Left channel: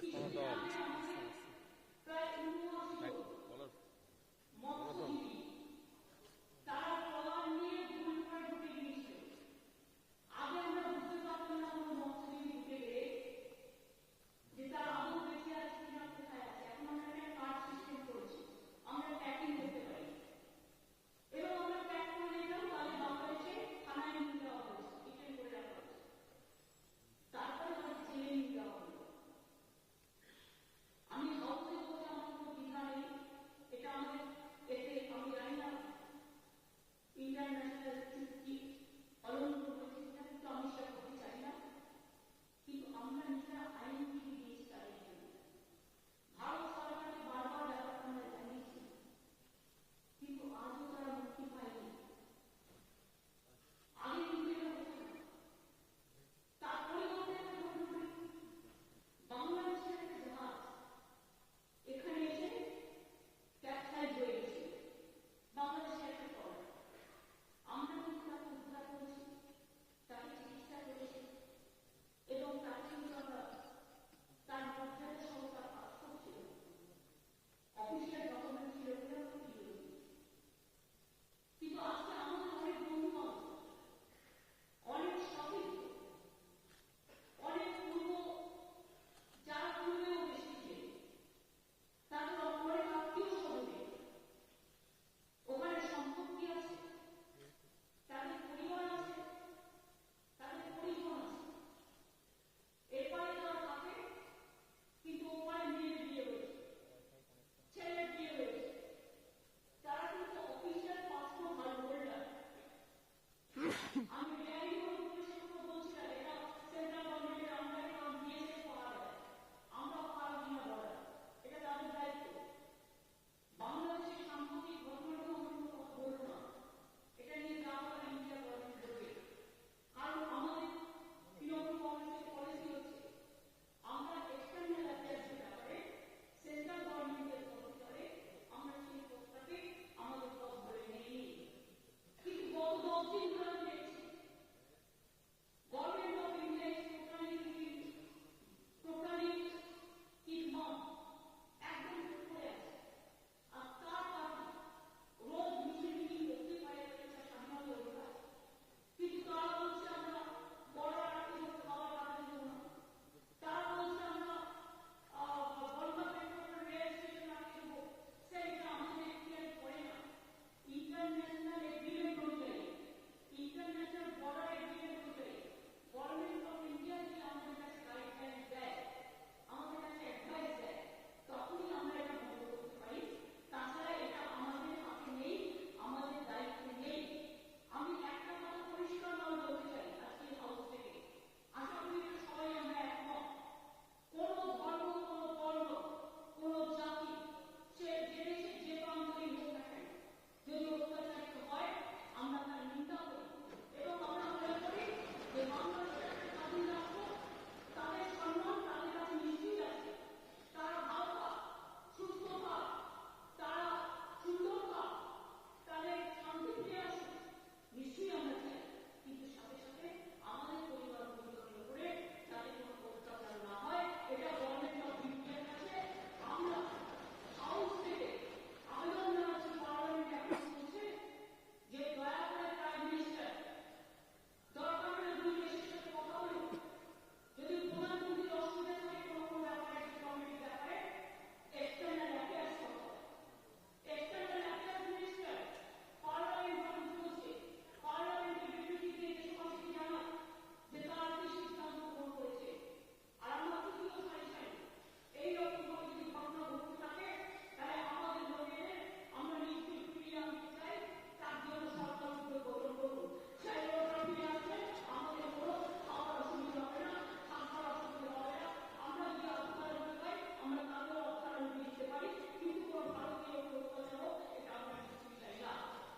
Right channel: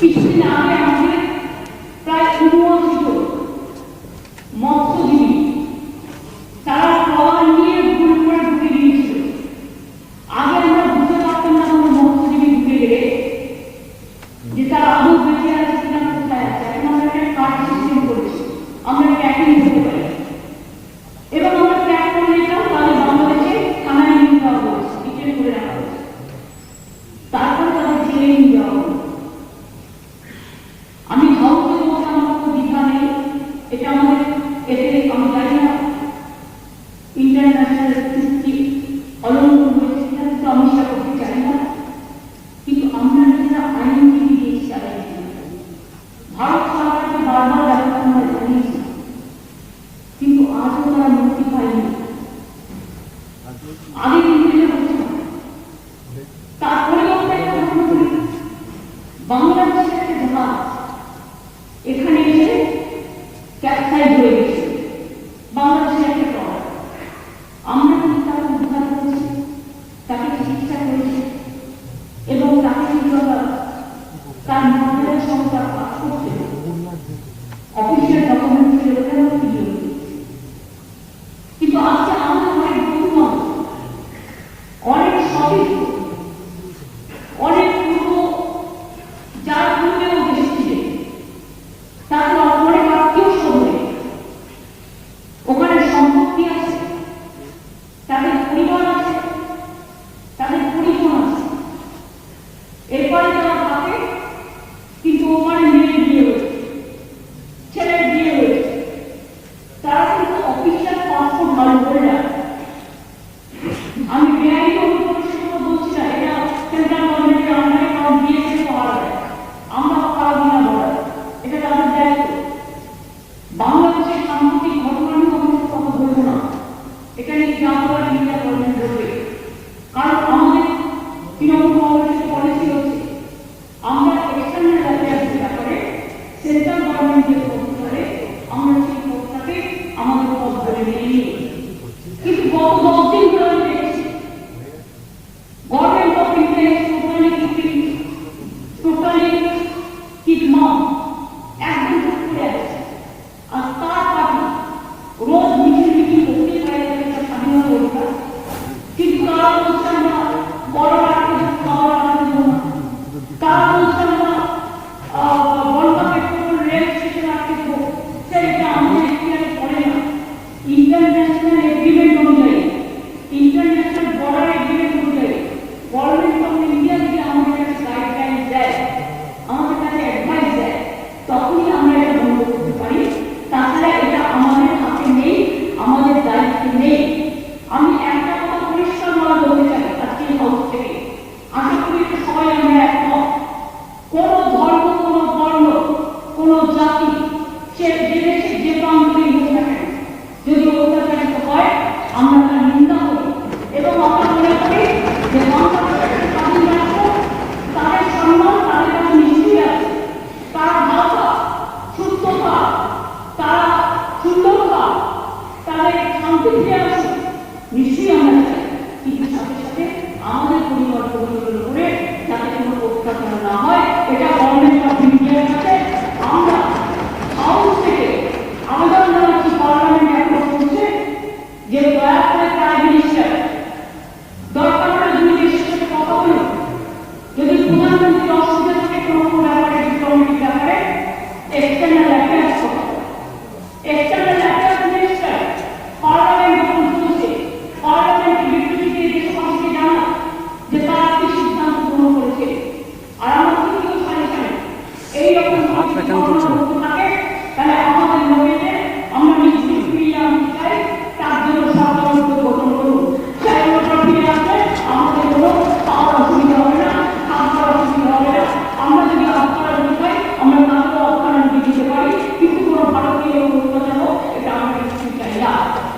feet. কিছু